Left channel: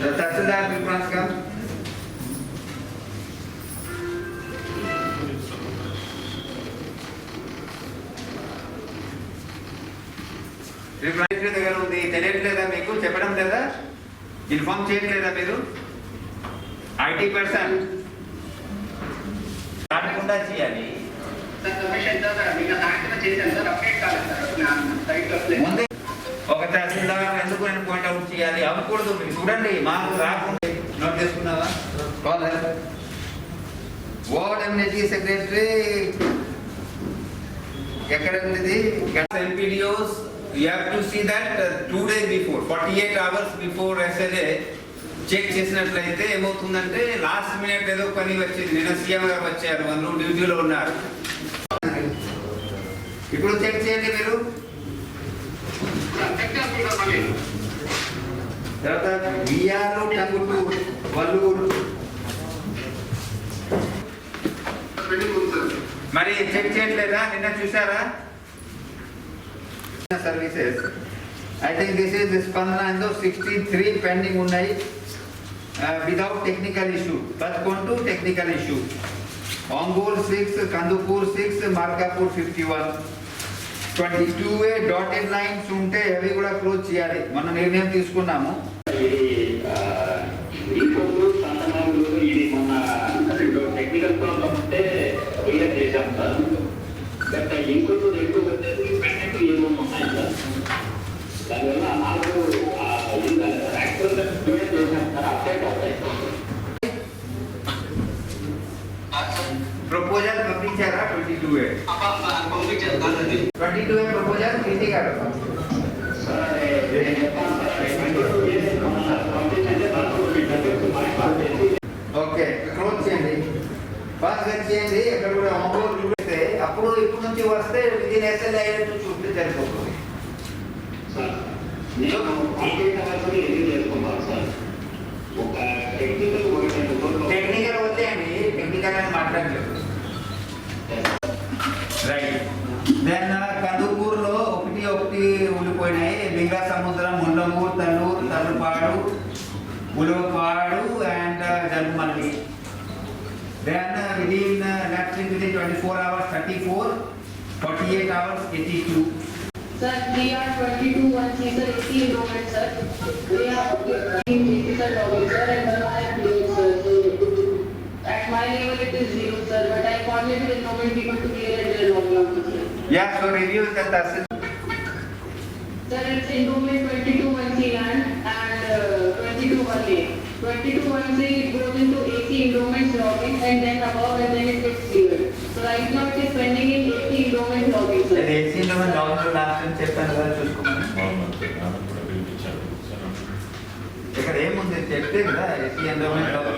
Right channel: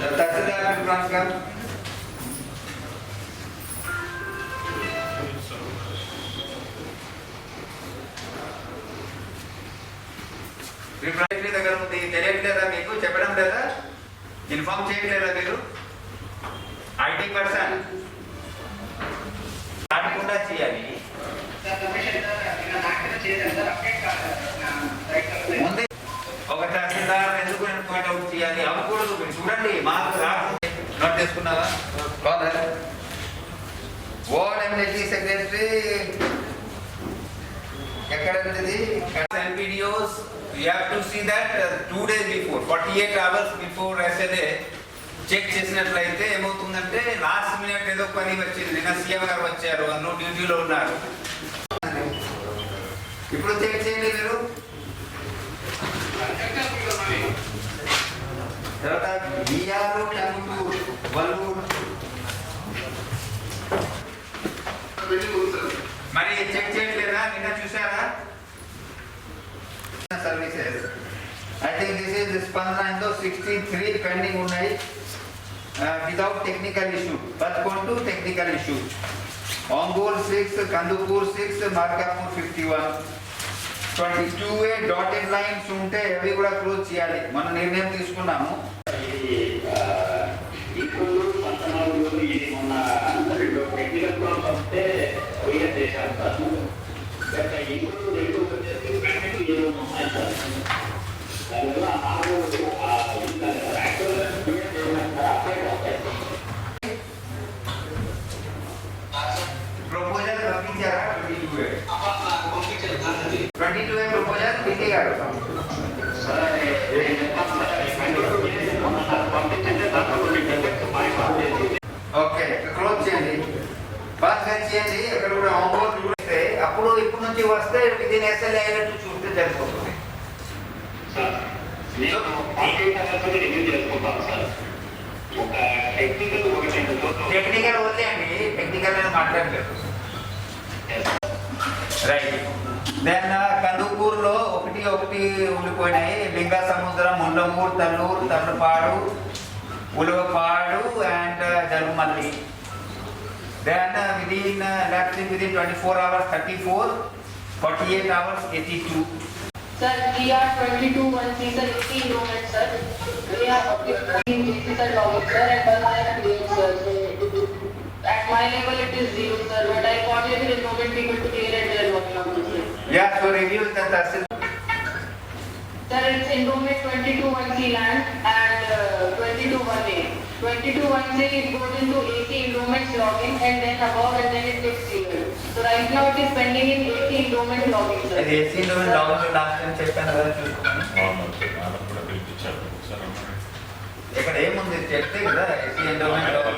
తహసీల్దార్ preference come preference దగ్గర ఉంది. తెలియట్లేదా మీకు? చెప్పడం లేదా? ఇన్ఫార్మ్ చేయట్లేదా మీరు? ఐటీ పర్సన్ దాటకుండా చేయాలి. ముందే ఒక తహసీల్దార్ ఎందుకు పాయింట్ అవుట్ చేయాలి? అవ్వకూడదు. మీరు చూడండి, మాకు రాకుండా నోట్ చేసుకున్నావా? వార్డ్ ఎమ్యూనిటీ సెక్రటరీ ఎక్కడ ఉంది? NPDOs you have to see that 2 days before, 48 hours before SLA check చేసినట్లయితే ఏమవుతుందంటే లాస్ట్ మినిట్ ఏదో పని వచ్చింది. నిన్న సీఎం గారు వచ్చారు, అందులో డ్యూటీలో ఉన్నారు. ఇప్పుడు చెక్ చేయండి మీరు. తర్వాత బిఆర్ టంగుటూరు వల్లూరు మరి చెక్ చేయట్లేదా? నిన్న చూసారా? Services I think this is స్పందన 63 పెండింగ్ ఉన్నాయి without technical issue. 11 technical issue. Ongole 6, Kandupur 6, Markapur 51. 22A dotted lines ఉంటే అవి కూడా క్లోజ్ చేయాలి. మనం నిర్ణయం తీసుకున్నాము. టెక్నికల్ ప్రాబ్లమ్ ఉంటే క్లియర్ చేశాం సార్. బట్ ఇంకొక రెండు ఉన్నాయి సార్. దానివల్ల నాకు ప్రపోజల్ పంపించారా? 22A ప్రపోజల్ తీసేయాలి. ఓకే, క్లోజ్ చేయండి. పాస్ చేయండి. అక్కడ కూడా ఆన్లైన్ చూస్తే అప్పుడు ఇప్పుడు నుంచి వస్తే విదిన్ SLA అయ్యేట్టు చూస్తే సరిపోతుంది. టెక్నికల్ వదిలేయండి, టెక్నికల్ అని మాట్లాడలేదు. రైట్. దెన్ కందుకూరులో ఒకటి ఉండిపోయినాయి. Lingasamudram, Mundamuru, Tallur, Tallapadu, Ulavapadu and Jalumalli. Then within 24 hours 34, 48 hours 82. Sir, we are 22 and 3 sir 80 enrollment sir. We are 50 sir officer and 1 I am doing sir. So at my level it is 0 sir, but I wanted the enrollment people to clear at their long sir. Yeah, so review the Tahsil. Sir, it's enrollment 22-1C land and 22-1A. 22-1C it goes into AC enrollment login and then above and then it gets cleared. So right now it is pending in AC enrollment login sir. AC enrollment login last time చెప్పాను కదా, చూసుకోమని. ఇక్కడ ఏముంది చెప్తే కదా AC enrollment login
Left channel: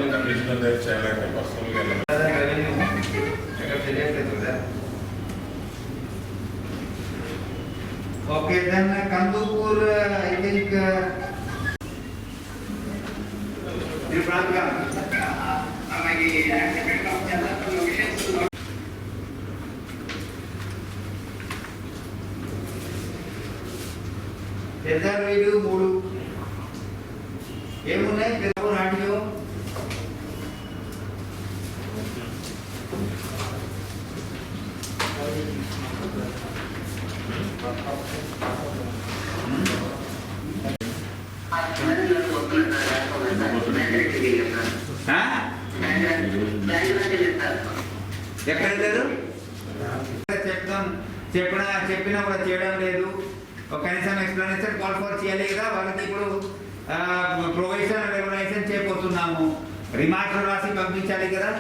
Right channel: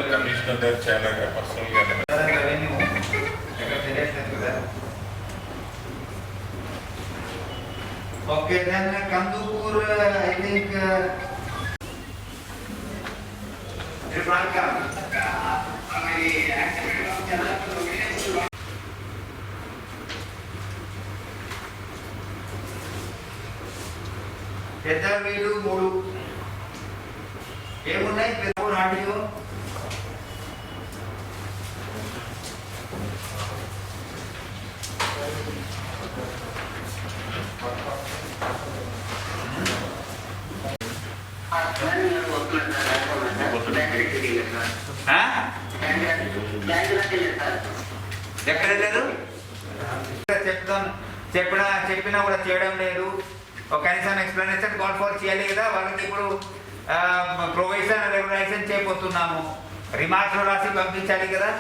revenue ఇక్కడ తెలియట్లేదు కదా. Okay, then Kandukur I think ఫ్రాంక్గా పెద్ద వీడు 3 ఏమున్నాయి? పెద్ద ఆడియో ఎక్కడలేదు. చెప్పినా కూడా చేయడం లేదు. కనీసం ఎక్స్ప్లెనేషన్ కాల్ ఫర్ చేయాలి కదా. వాళ్ళకి ఇప్పుడు ప్రొవిజన్ రెగ్యులేషన్ చేయబోతున్నాము. రిమార్క్స్ రాసి పంపించాలి కదా.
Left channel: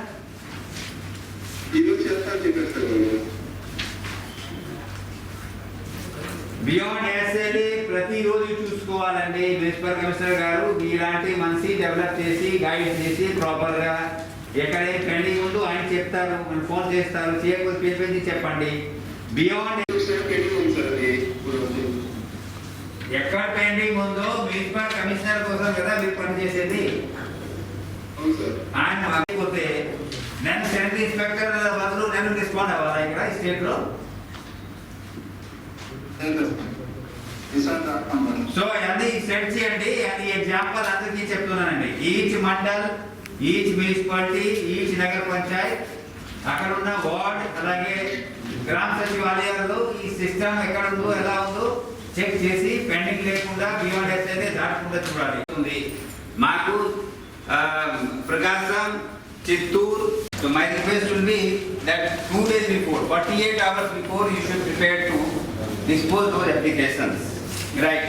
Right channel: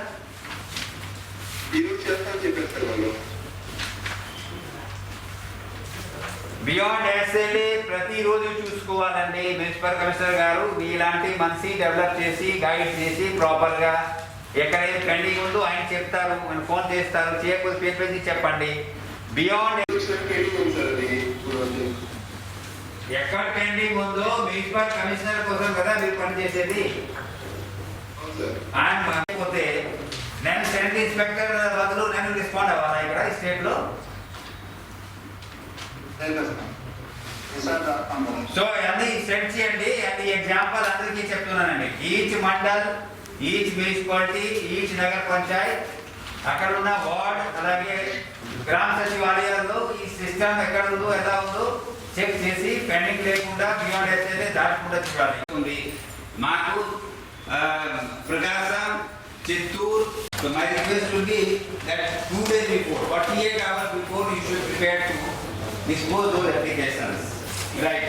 బియాండ్ SLA ప్రతిరోజు చూసుకోవాలండి. మున్సిపల్ కమిషనర్ గారు ఇలాంటి మనిషి డెవలప్ చేసి గైడ్ చేసి ప్రాపర్గా ఎక్కడేం పెండింగ్ ఉందో ఆయన చెప్తారు, ఫోన్ చేస్తారు. చేయకపోతే పేరు పెంచి చెప్పండి. బియాండ్ ఎక్కడ పెండింగ్ ఉందో మున్సిపల్ కమిషనర్ కోసం కదా మీరు పనిచేసేది. ఆయన మారిపోతే నేను సెంట్రల్ ఇన్స్పెక్టర్ బదులు నేను రెస్పాండ్ అవ్వాలా ఇక్కడ స్టేట్లో? సో అది సెట్ చేయండి. అది ఎగ్జాంపుల్ అందరికీ చెప్తున్నానండి. Each mandal, each municipality, each నగర పంచాయత్, అక్కడ ఉన్న వార్డ్, అలాగే గ్రామ సచివాలయాల్లో ఈ సిస్టమ్ ఎక్కడ ఉందో ఎలా ఉందో చెక్ చేసి పెండింగ్ లేకుండా బియాండ్ ఎస్ఐలే దాటకుండా చూడాలి. మాకు ప్రకాశం, Chittoor. So my request will be that 2 days before, 48 hours before, you should prepare to dispose those applications. Right.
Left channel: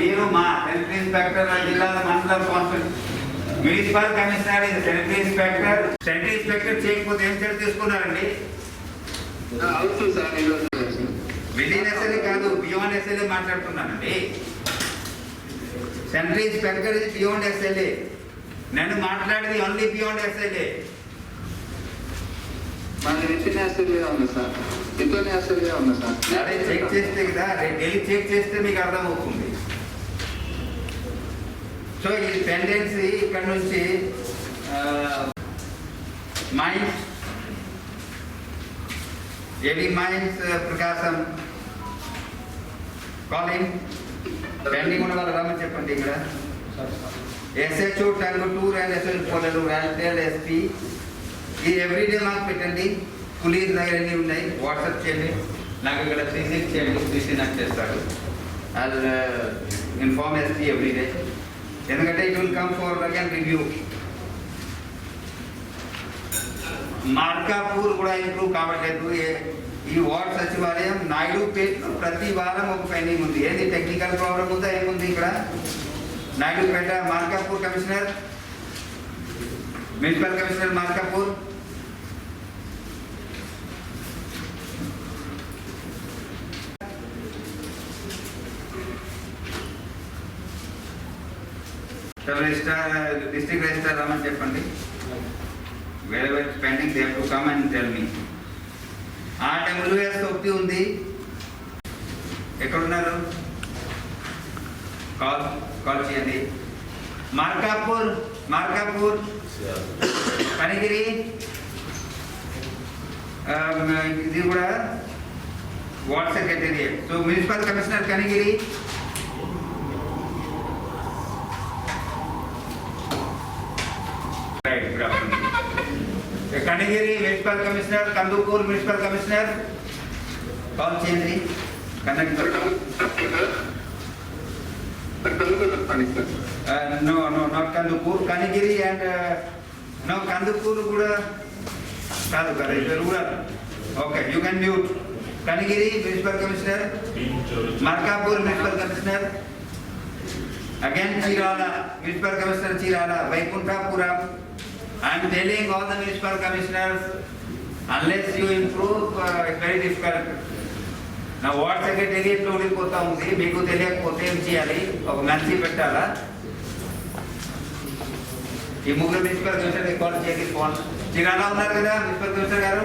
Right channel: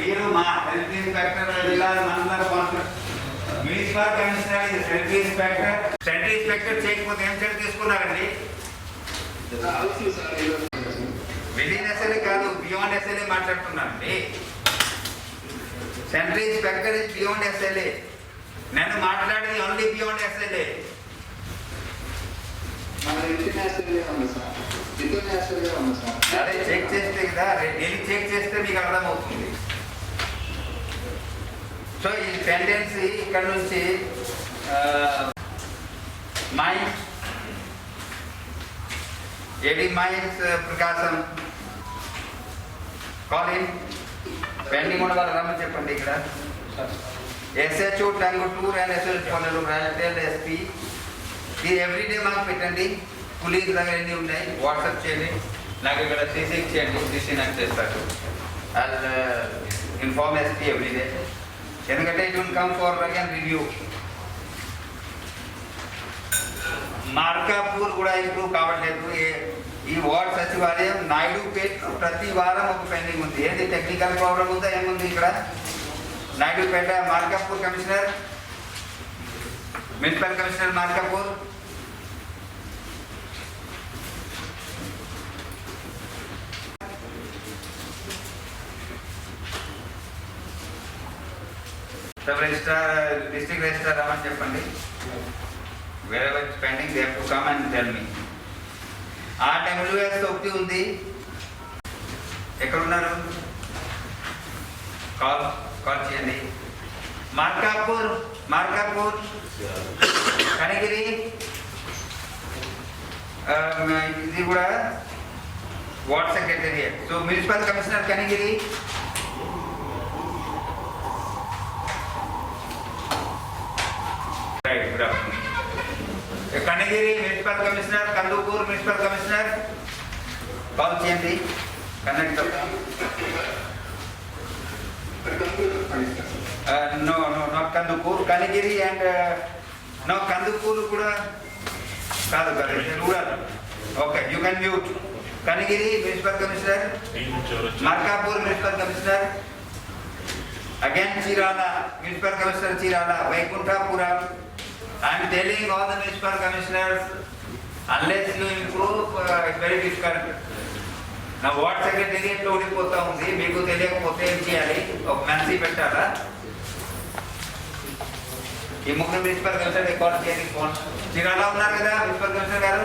మీరు మా సెంట్రల్ ఇన్స్పెక్టర్ జిల్లా మండల మున్సిపల్ కమిషనర్ ఇది సెంట్రల్ ఇన్స్పెక్టర్ చేయకపోతే ఏం చర్య తీసుకున్నారండి? విదిన్ ఎస్ఎల్ఏ కాదు, బియాండ్ ఎస్ఎల్ఏ మాట్లాడుతున్నానండి. Central inspector is beyond SLA. నేను మాట్లాడేది ఓన్లీ బియాండ్ ఎస్ఎల్ఏ. అదే చెక్ చేస్తే కదా, డైలీ చెక్ చేస్తే మీకు అర్థమవుతుంది. సో ఈ టెండెన్సీ ఇక్కడ నుంచి మైన్స్, ఏడి మైన్స్ ప్రకాశం, కాలిన్ పెండింగ్ ఉన్న వాళ్ళు రమ్మని చెప్పండి. ఇక్కడ ఎస్హెచ్ఓ టంగుటూర్ అండ్ ఎస్హెచ్ పొలలు, రైల్టెల్, ఎస్పీ, ఇది ఎవ్రీడే మాకు పెట్టండి. పోలీస్ దగ్గర ఎన్ని ఉన్నాయి వాట్సాప్ చేయండి, నాకు ఇక్కడ సీసీ చేయండి, సీసీ నాకు చేస్తారు. అండ్ ఇన్ఫార్మ్ ఎస్పీ ఎవ్రీడే, ఎందుకంటే it will come for again review. Markapur కూడా ఇంప్రూవ్ కావట్లేదు. ఈ వార్డ్ సచివాలయం నాయుడుపేటలో ప్రతి వారం ఒక పెండింగ్ ఉంది. ఏంది టెక్నికల్ ప్రాబ్లం ఉందా ఏముంది ఇక్కడ? Naidupeta Markapur commissioner, municipal commissioner Markapur, sub registrar, district registrar రమ్మని చెప్పండి. wherever it's pending they have to come and tell me. RWS ఒకటి ఉంది, ఎక్కడ ఉన్నారు? కాల్ చేయండి. మార్కాపూర్ కనిగిరి, ఇది కూడా ward secretariat. So municipal commissioner Kanigiri, good afternoon. Kanigiri municipal commissioner, Kandukur municipal commissioner call చేయండి. Conductor no not Kandukur, Kanigiri and no Kandukur కూడా కాదు కదా, rural. Okay, you can mute. Kanigiri municipal commissioner, Markapur municipal commissioner, again Chirala municipal commissioner Chirala, Vaikunthapuram. I am telling all the municipal commissioners, unless you improve, it's very difficult. Now what secretariat లో ఉండిపోతా ఉంది, మీకు తెలియకపోతే ఏం చేయాలి? ఒక మెన్సీ పెట్టాలా? ఈ ముగ్గురు మున్సిపల్ కమిషనర్ కాల్ చేయండి. ఫోన్ చీరాల ఉన్నారు కదా మున్సిపల్ కమిషనర్ గారు?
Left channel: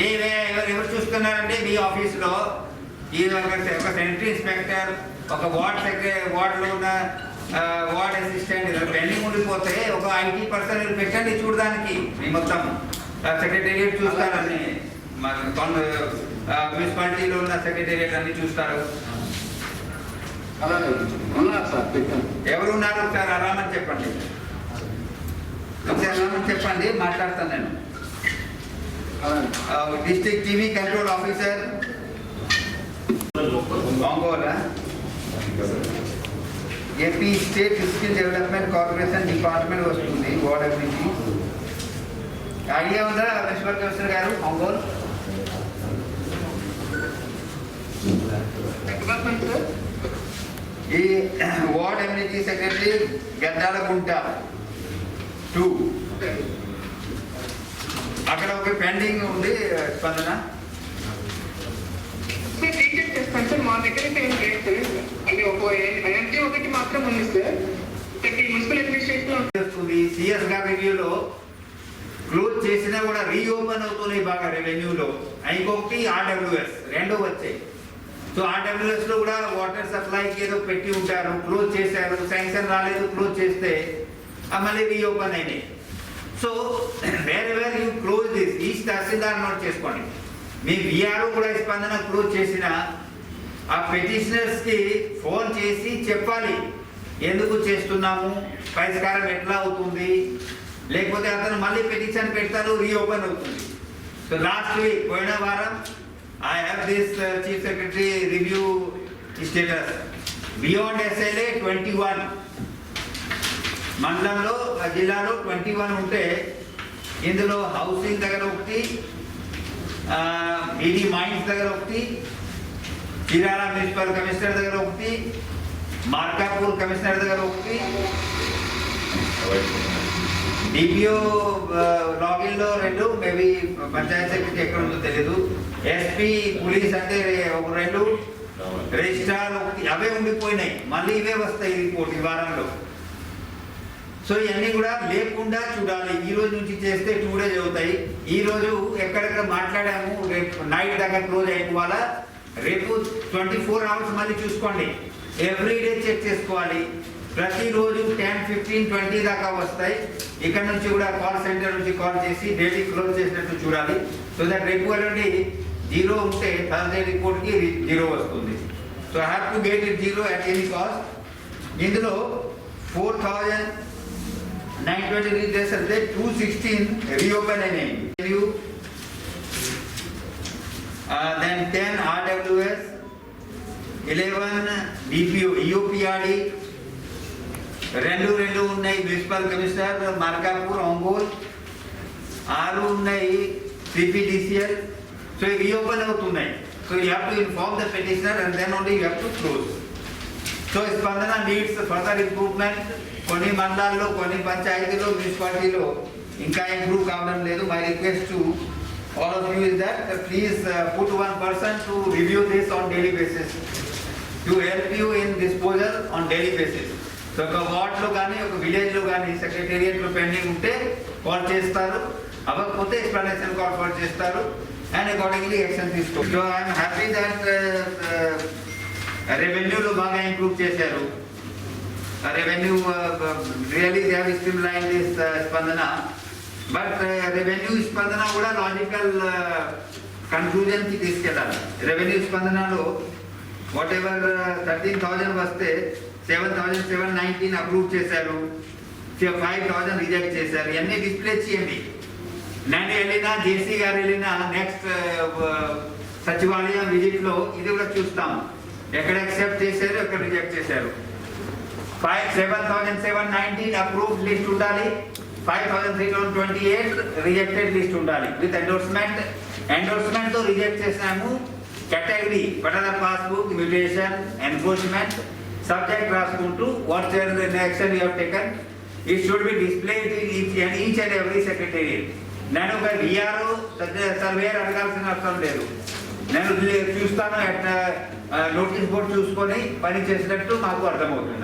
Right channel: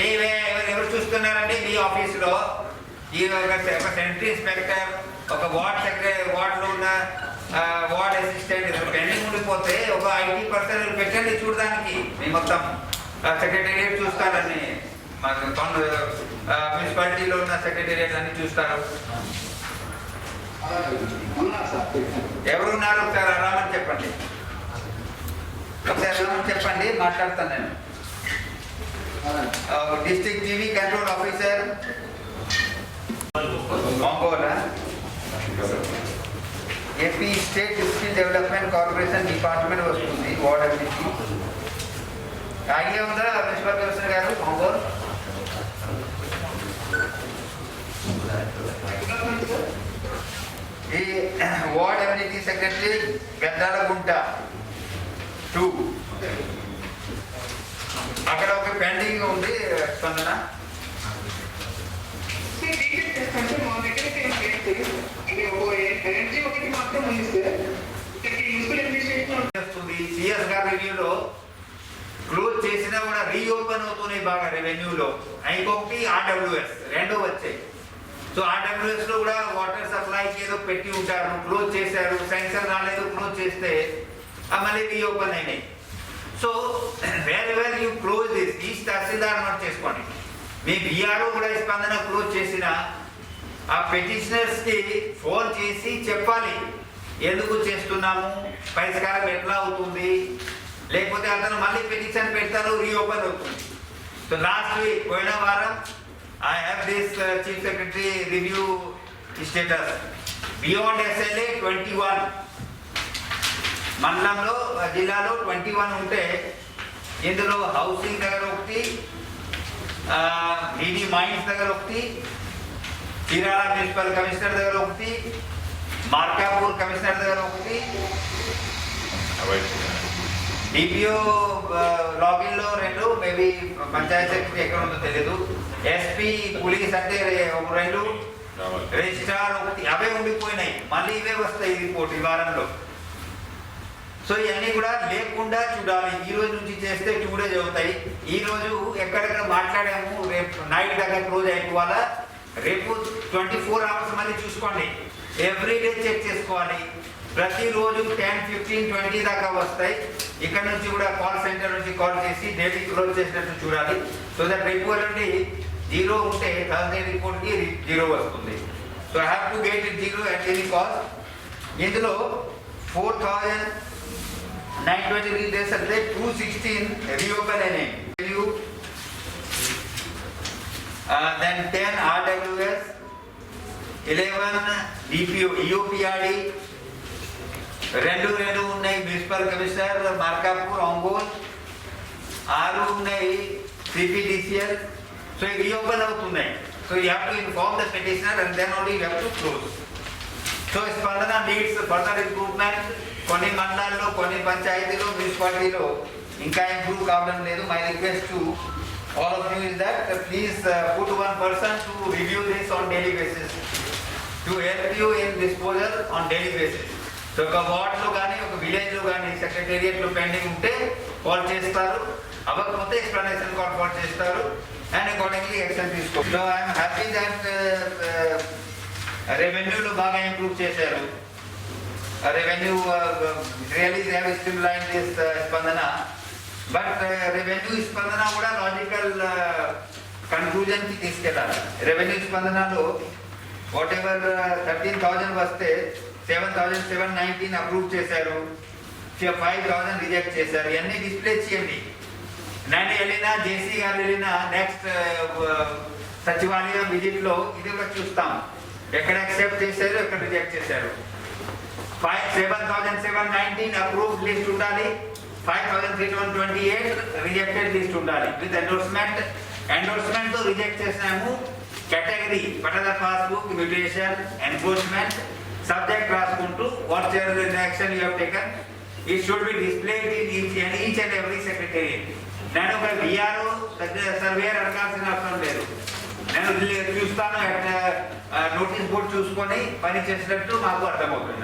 మేమే ఎవరు చూస్తున్నారండి మీ ఆఫీసులో? ఈ ఒక సెంట్రీ ఇన్స్పెక్టర్, ఒక వార్డ్ సెక్రటరీ, వార్డులో ఉన్న వార్డ్ అసిస్టెంట్ పెండింగ్ ఉండిపోతే ఒక IT పర్సన్ పెట్టండి చూడడానికి. మీ మొత్తం సెక్రటేరియట్ చూస్తారని, మున్సిపాలిటీలో ఉన్న సెక్రటేరియట్ అన్ని చూస్తారు. ఎవరున్నారు ఒకసారి రామని చెప్పండి, ఒకసారి రామని చెప్పండి, మాట్లాడతాను నేను. District TV control officer Ongole, AP state skill development corporation department వస్తుంది. వార్డ్ అభివృద్ధి ఐడియా ఉందా మున్సిపల్ కమిషనర్ గారు? ఒంగోలు ఈ వార్డ్ అమ్యూనిటీ సెక్రటరీ గద్దాలగుంట 2, అక్కడ ఒక పెండింగ్ ఉంది. స్పందన మా దగ్గర ఎనర్జీ ఒకటి మాత్రం ఉంది సార్. మున్సిపల్ అడ్మినిస్ట్రేషన్ సిఎస్ గారి రివ్యూలో క్లోజ్ చేసినా కూడా రీఓపెన్ అవుతున్నాయి బాగా రెవెన్యూలో. ఇంకొకటి RWS, 2 వచ్చాయి. సో ఆర్డబ్ల్యూఎస్ లో కూడా వాటర్ సప్లైకి ఏదో పెట్టి ఉంటారు, క్లోజ్ చేశారు, శాంక్షన్ రాలేదు, క్లోజ్ చేస్తే మళ్ళీ రీఓపెన్ అయినాయి. So where you close this, each tahsildar note చేసుకోండి. మీ విఆర్ఓ కూడా స్పందన క్లోజ్ చేసిన ఆ పెటిషనర్స్ కి ఫోన్ చేసి చెప్పాలి ఎందుకు చేస్తున్నాము, పరిష్కారం ఎట్లా అవుతుంది, లేకపోతే అతను మళ్ళీ పెటిషన్ పెడతారు, రీఓపెన్ అవుతుంది. సో లాస్ట్ వీక్ పోయిన వారం I have this Chief Secretary review status. Beyond SLA 21. మండలంలో జిల్లాలో 21 ఉంటే ఇందులో హౌసింగ్ దగ్గర ఒకటి, డీడీ మైన్స్ దగ్గర ఒకటి, చీరాల మున్సిపల్ కమిషనర్ దగ్గర ఒకటి, మార్కాపూర్ కమిషనర్ దగ్గర ఒకటి, డిపిఓ లాగిన్ లో 2, మేబీ పంచాయత్ సెక్రటరీ ఎక్కడ ఉందో తెలియదు, ఎస్పీ పోలీస్ అంటే 2, రిజిస్ట్రార్ 1, అవే ఉండిపోయినాయి. మళ్ళీ ఇవే వస్తాయి రిపోర్ట్ ఈ వారంలో. సో ఇవన్నీ కూడా లేకుండా చూడాలి. ఈ రోజు నుంచి చేస్తే 2 days అవుతాయి. ఈ రోజు ఎక్కడెక్కడ మాట్లాడాము, రేపు నైట్ దాకా క్లోజ్ అయిపోవాలా. రేపు 24 hours మళ్ళీ చూసుకోండి, ఎవ్రీడే చెక్ చేసుకోవాలి. ప్రతిరోజు 10, 15, 20 దాకా వస్తాయి. ఇక్కడ నుంచి కూడా కాల్ సెంటర్ నుంచి కాల్ చేసి డైలీ క్లోజ్ చేసినట్టు చూడాలి. సో దట్ రేపు నుండి 0 ఉంటే థర్స్డే రిపోర్ట్కి 0 వస్తుంది. So I have to get it 0 at any cost. ఇందులో 4,920 రీడర్స్ అంటే 216 రీఓపెన్ అయినాయి. దెన్ 10 RWS, 11 DPO EOPRD, 2 ఉన్నాయి మున్సిపల్ కమిషనర్ మార్కాపూర్ ఒంగోలు, 6 ఉన్నాయి CPDCL. సో ఇవి రీఓపెన్ అవుతున్నాయి. So you have to inform the petitioner and then only you have to close. So Spandana needs further improvement. కొన్ని మండలాల్లో, కొన్ని పంచాయతీలో, మున్సిపాలిటీలో ఇంకా ఇంప్రూవ్ కావడం లేదు. My request to all of you is that please put one person to review this on daily basis to help you in disposal on daily basis. So ఒక వార్డ్లో కానీ ఒక విలేజ్లో కానీ సెక్రటేరియట్లో పెండింగ్ ఉంటే కాల్ చేస్తారు, అవ్వకపోతే ఎక్స్ప్లెనేషన్ కాల్ చేస్తారు అండ్ అకార్డింగ్లీ యాక్షన్ తీసుకోవాలి. సో ఐఎమ్ హ్యాపీ దట్ రెవెన్యూలో బాగా ఇంప్రూవ్ చేశారు. Revenue really they have streamlined this స్పందన. బట్ రెవెన్యూ స్పందన కూడా లాజికల్ కన్క్లూజన్కి తీసుకెళ్ళాలి. రెవెన్యూ స్పందనలో వాట్ ఎవర్ 13,000 వస్తే 7,719 అప్రూవ్ చేశారు, 5,000 రిజెక్ట్ చేశారు. ఇవన్నీ డిస్ప్లే చేయండి. నేను వెళ్ళినా, జేసీ గారు వెళ్ళినా నెక్స్ట్ సచివాలయం విజిట్లో ఇది కూడా చూస్తాం, ఎక్కడ యాక్సెప్ట్ చేశారు, ఎక్కడ రిజెక్ట్ చేశారు. 7,719 అప్రూవ్డ్ లిస్ట్ ఉండాలి, 5,328 రిజెక్టెడ్ లిస్ట్ ఉండాలి విత్ ఎండోర్స్మెంట్. ఎండోర్స్మెంట్తో రిజెక్ట్ చేసాము కేటగిరీ, పట్టణ పాస్బుక్, మ్యూటేషన్, ఎన్క్రోచ్మెంట్, సబ్జెక్ట్ రాసుకుంటూ what ever action you have taken it should be displayed in each and every secretariat. నేను ఒక విఆర్ఓ సర్వేయర్ అడగాల్సిన అవసరం లేదు. నేను చూస్తాను, నోటీస్ బోర్డు చూసుకొని పని చేసినట్టు మాకు అర్థమవుతుంది.